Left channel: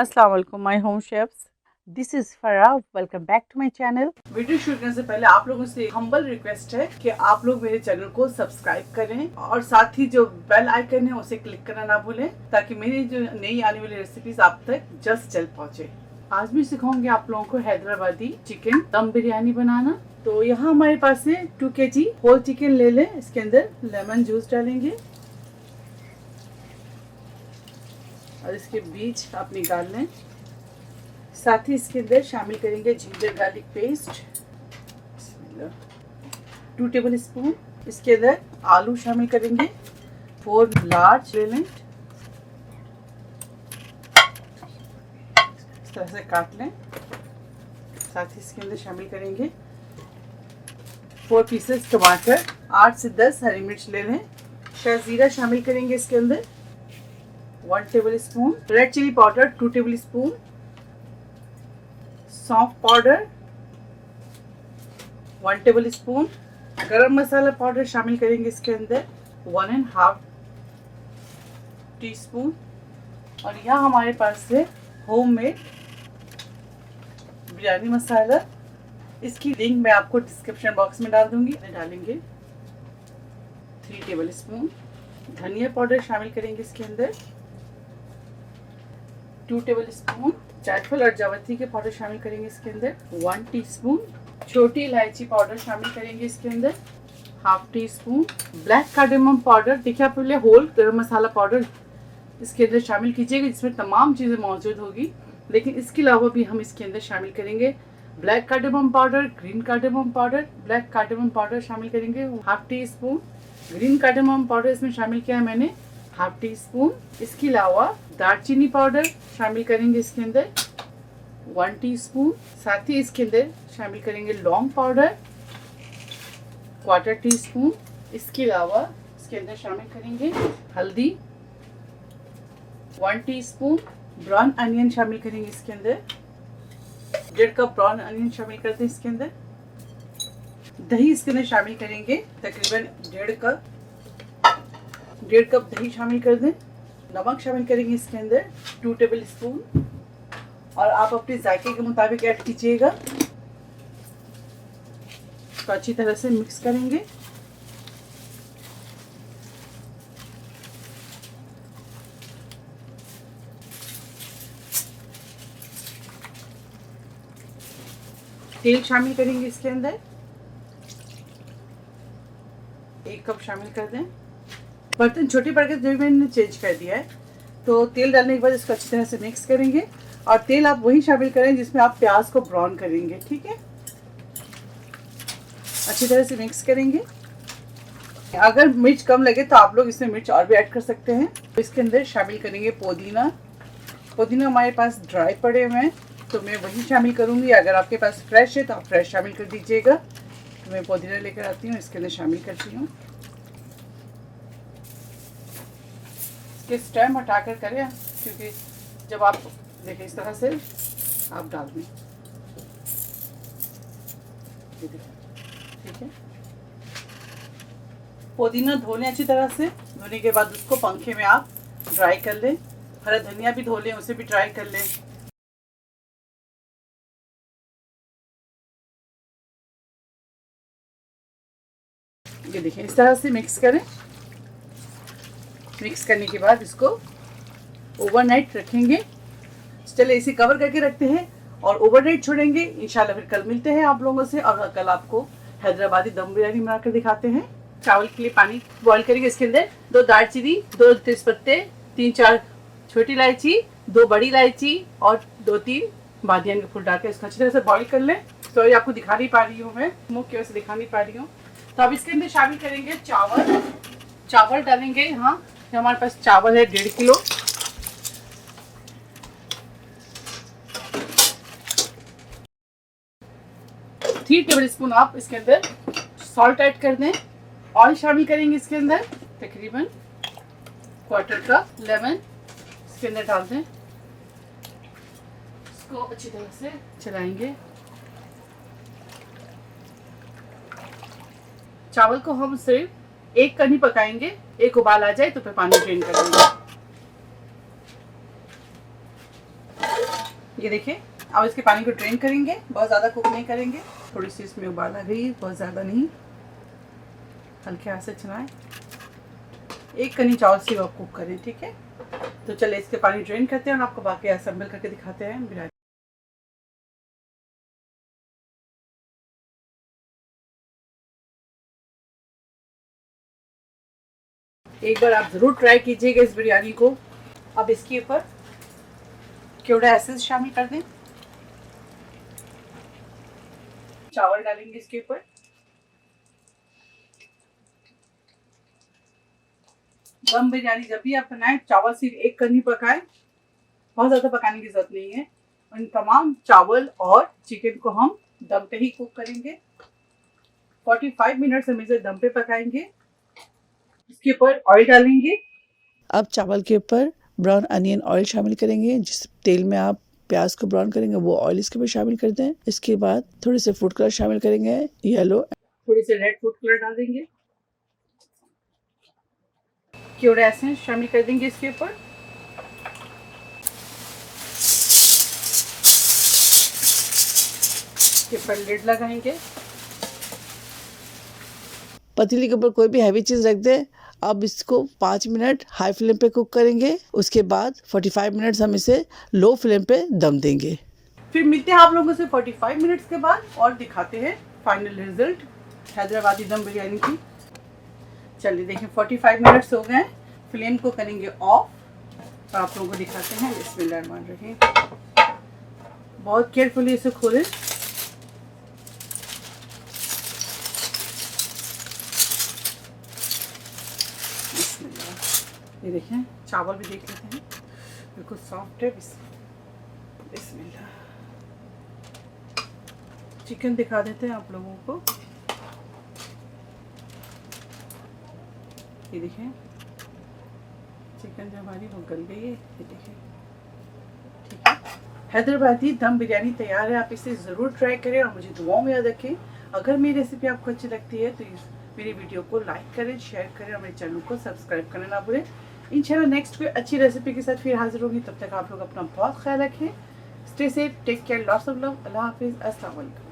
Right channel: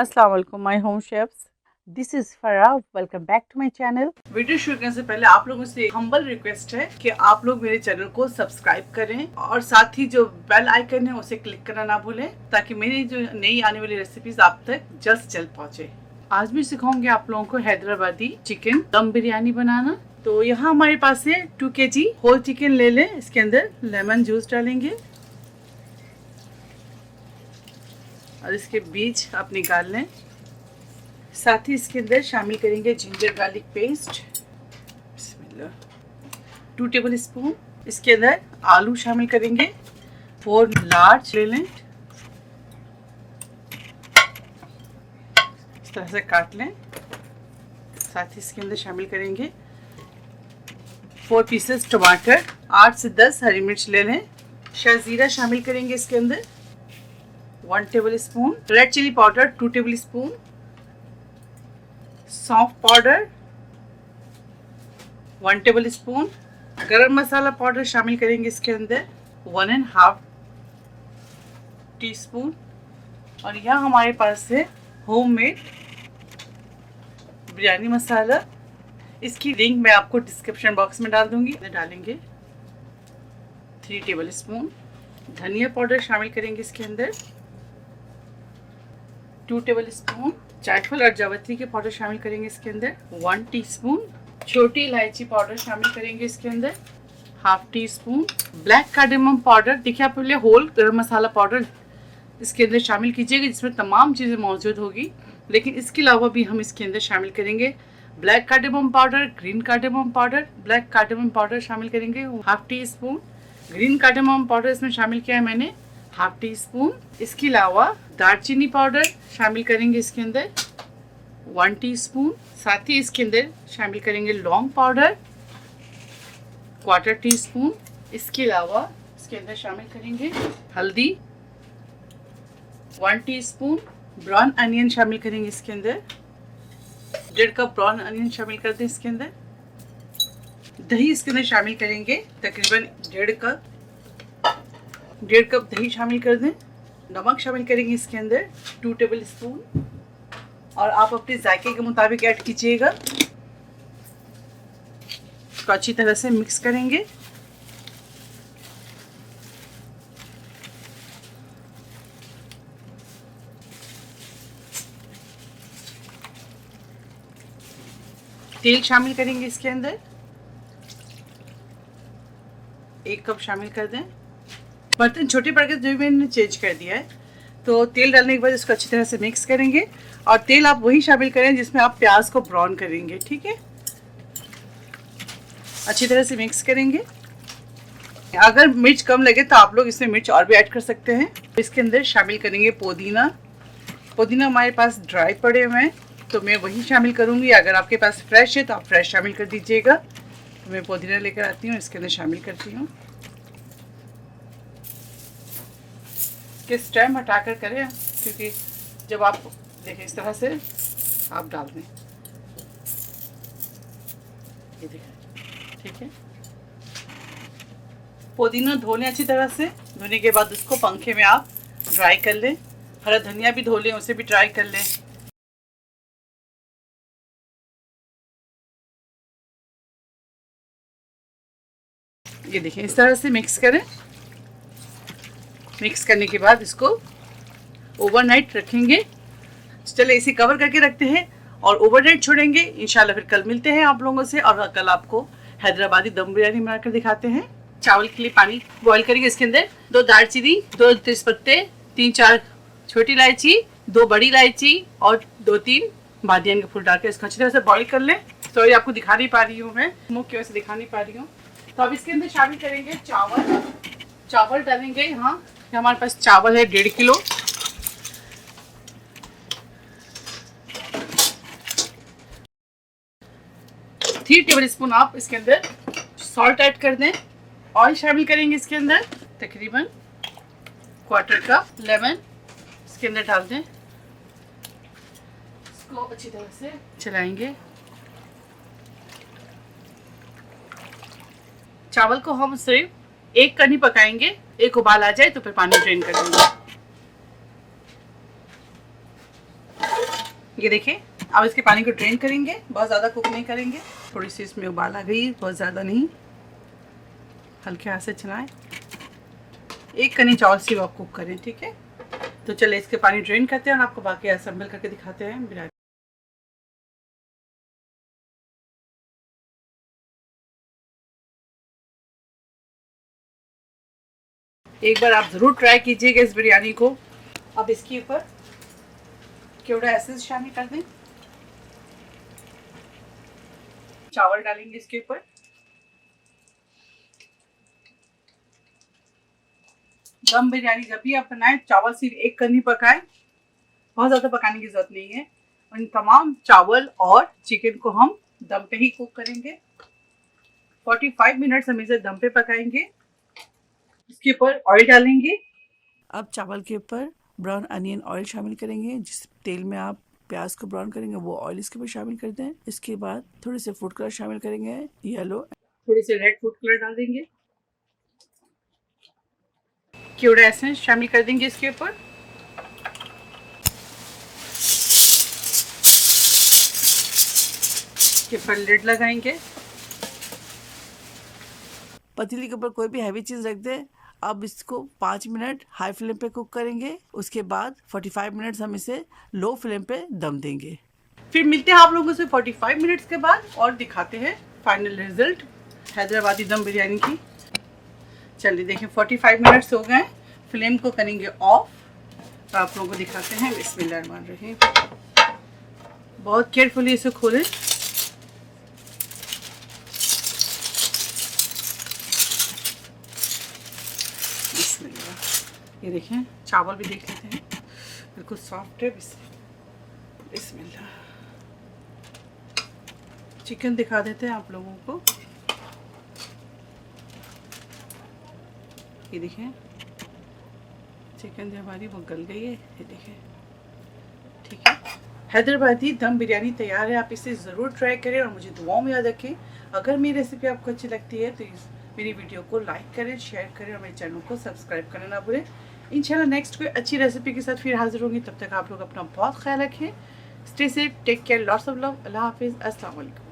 अस्सलाम वालेकुम my home chefs, this is Farah. Welcome back to my channel. Video शुरू करने से पहले आप लोगों से हम्बल रिक्वेस्ट है कि आप लोग मेरे चैनल को सब्सक्राइब करें और साथ ही जो बेल आइकन है उसे क्लिक करना ना भूलें, ताकि मेरी जो नई आने वाली रेसिपीज आप तक जल्द से जल्द पहुंचे। आज भी सिखाऊंगी आप लोगों को हैदराबादी चिकन दम बिरयानी बनाना। तो यहाँ हमारे पास है 2 kg होल चिकन ले लें। इसके अंदर लेमन जूस डालेंगे और इसके बीज आप निकाल लें। साथ ही इसके अंदर शामिल करेंगे ginger garlic paste, 2 table spoon. इसके अंदर आलू शामिल करेंगे, 4 लार्ज ले लें, इस तरह से काट लें। साथ ही इसके अंदर शामिल करेंगे 4 पीसेस टमाटर, 8 से 10 हरी मिर्च ले लें। शाजीरा शामिल करेंगे इसके अंदर, 1 tablespoon. Red chilli powder 2 tablespoon. सौंफ powder 1 tablespoon. Garam masala powder शामिल करेंगे इसके अंदर, 1.5 टीस्पून। और यहाँ हमारे पास है होममेड बिरयानी मसाला। इसकी लिंक मैं आपको डिस्क्रिप्शन बॉक्स में डाल दूंगी। डालेंगे 3 टेबल स्पून। धनिया पाउडर शामिल करेंगे इसके अंदर, 2 टेबल स्पून। जायफल और जावित्री के पाउडर शामिल करेंगे इसके अंदर, 1 टीस्पून। छोटी इलायची पाउडर शामिल करेंगे इसके अंदर, 1/2 टीस्पून। ब्लैक कार्डेमम पाउडर, देखिए आप पहले होल गरम मसाला पाउडर इसके अंदर शामिल कीजिएगा, जिसमें तमाम चीज़ें मौजूद होगी। लेकिन इसके अलावा भी हम इसके अंदर शामिल करेंगे black cardamom powder, green cardamom powder. Black cardamom powder शामिल करेंगे 1/2 टीस्पून। ग्रीन कार्डेमम पाउडर इसमें शामिल किया है मैंने 1/2 टीस्पून। इसके अलावा दालचीनी पाउडर शामिल करेंगे इसके अंदर, 1 टीस्पून। साथ ही इसके अंदर शामिल करेंगे लौंग पाउडर, 1/4 टीस्पून। इसके अलावा इसके अंदर शामिल करेंगे हल्दी, 1 टीस्पून। ब्राउन अनियन शामिल करेंगे इसके अंदर, 1.5 कप ब्राउन अनियन शामिल कर दें इसके अंदर। दही इसके अंदर शामिल करेंगे तकरीबन 1.5 कप दही शामिल कर दें। नमक शामिल करेंगे इसके अंदर 2 टेबल स्पून, और आप अपने जायके के मुताबिक ऐड कीजिएगा। तो अच्छी तरह से मिक्स करेंगे। तेल शामिल करेंगे इसके अंदर, 1 कप शामिल कर दें। बर्तन छोटे पड़ गए जो मैंने चेंज कर दिया है। तो तेल डालने के बाद इसको अच्छी तरह से मिक्स करेंगे, और तेल आप वही शामिल करें जिसमें आप प्याज को ब्राउन करेंगे, ठीक है। अच्छी तरह से मिक्स करेंगे। अगर मिर्च कम लगे तो आप लोग इसमें मिर्च और भी ऐड कर सकते हैं। इसके अंदर शामिल करेंगे पुदीना। पुदीना हमारे पास ड्राई पड़े हुए हैं तो मैं वही शामिल करूँगी। अगर आपके पास फ्रेश है तो आप फ्रेश शामिल कर दीजिएगा। तो मैं पुदीना लेकर आती हूँ, इसके अंदर शामिल करती हूँ। इसके स्टेम हटाकर करें, क्योंकि जब आप देखें इस तरह से आप डाल दें, ये देखें, ठीक है। पुदीना धो लें अच्छी तरह से। धोने के बाद उसको पंखे में आप ड्राई कर लें। हरा धनिया भी धो लें, उसे भी ड्राई कर लें। ये देखें, इस तरह से मिक्स करें। मिक्स करने के बाद इसको ओवरनाइट रखेंगे। चले इसे कवर करके रखते हैं और ओवरनाइट छोड़ेंगे। इंशाल्लाह फिर कल मिलते हैं आप लोगों से, और कल आपको हैदराबादी दम बिरयानी बनाकर दिखाते हैं। चावल के लिए पानी बॉईल करेंगे। इसके अंदर 2 दालचीनी, 2 तेजपत्ते, 3-4 छोटी इलायची, 2 बड़ी इलायची और 2-3 बादियान के फूल डाल के इसको अच्छी तरह से बॉईल कर लें। तो ये आपको दिखा नहीं पा रही हूँ, मैं मुँह की वजह से दिखा नहीं पा रही हूँ। तो अब इसके अंदर शामिल करेंगे चावल। चावल डालेंगे, हाँ हमारे पास चावल है 1.5 किलो। थ्री टेबल स्पून आप इसके अंदर सॉल्ट ऐड कर दें। ऑयल शामिल करेंगे इसके अंदर, तकरीबन 1/4 कप। लेमन इसके अंदर डाल दें, इसको अच्छी तरह से चलाएंगे। चावल को हम सिर्फ 1 कढ़ी पकाएंगे, 1 उबाल आ जाए तो फिर पानी ड्रेन कर देंगे। ये देखिए, अब इसके पानी को ड्रेन करेंगे, बहुत ज़्यादा कुक नहीं करेंगे। थोड़ी सी इसमें उबाल आ गई, बहुत ज़्यादा नहीं, हल्के हाथ से चलाएं। एक कनी चावल सिर्फ आप कुक करें, ठीक है। तो चलिए इसके पानी ड्रेन करते हैं और आपको बाकी असेंबल करके दिखाते हैं बिरयानी। एक बार आप ज़रूर ट्राई कीजिएगा इस बिरयानी को। अब इसके ऊपर केवड़ा एसेंस शामिल कर दें, चावल डालेंगे इसके ऊपर, दम बिरयानी जब भी आप बनाएं चावल सिर्फ एक कनी पकाएं, बहुत ज़्यादा पकाने की जरूरत नहीं है। इन तमाम चावल और चिकन को हम दम पे ही कुक करेंगे। 45 मिनट हम इसे दम पे पकाएंगे। इसके ऊपर ऑयल डालेंगे। अब चावल के ऊपर ब्राउन अनियन ऑयल शामिल करेंगे। जिस तेल में आप प्याज को ब्राउन करेंगे वो ऑयल इसके ऊपर शामिल कर दें। इसके बाद थोड़े से फूड कलर शामिल करेंगे, येलो, थोड़ी से रेड फूड कलर डाल देंगे। केवड़ा एसेंस शामिल कर देंगे इसके ऊपर। इसके ऊपर लिड लगाएंगे। पतीली के ऊपर कोई भी हैवी चीज़ रख दें। अब इसको 5 मिनट हाई फ्लेम पे कुक करेंगे। उसके बाद 45 मिनट्स हम इसे लो फ्लेम पे दम देंगे। फिर मिलते हैं आप लोगों से 45 मिनट्स के बाद और दिखाते हैं फाइनल रिजल्ट हैदराबादी दम बिरयानी की। चलिए देखिए 45 मिनट्स हो गए, फ्लेम को करेंगे ऑफ। तो आप लोगों को दिखाते हैं। बिस्मिल्लाहिर्रहमानिर्रहीम। बहुत केयरफुली इसे खोलें। ये देखिए, चावल भी देख लेते हैं, बिल्कुल सॉफ्ट है। बिस्मिल्लाह। चिकन दिखा देते हैं आप लोगों को। ये देखिए, चिकन जो हमारी वो गल गई है। ये देखिए, ठीक है। हैदराबादी दम बिरयानी तैयार है। आप इसे ज़रूर ट्राई करें और मुझे दुआओं में याद रखें। अगर मेरी रेसिपी आपको अच्छी लगती है तो मेरी वीडियो को लाइक करें, शेयर करें और मेरे चैनल को सब्सक्राइब करना ना भूलें। इंशाल्लाह नेक्स्ट कोई अच्छी रेसिपी के साथ फिर हाजिर होंगी। तब तक आप लोग अपना बहुत ख्याल रखें। Stay safe, take care, lots of love. अल्लाह हाफिज़, अस्सलाम वालेकुम।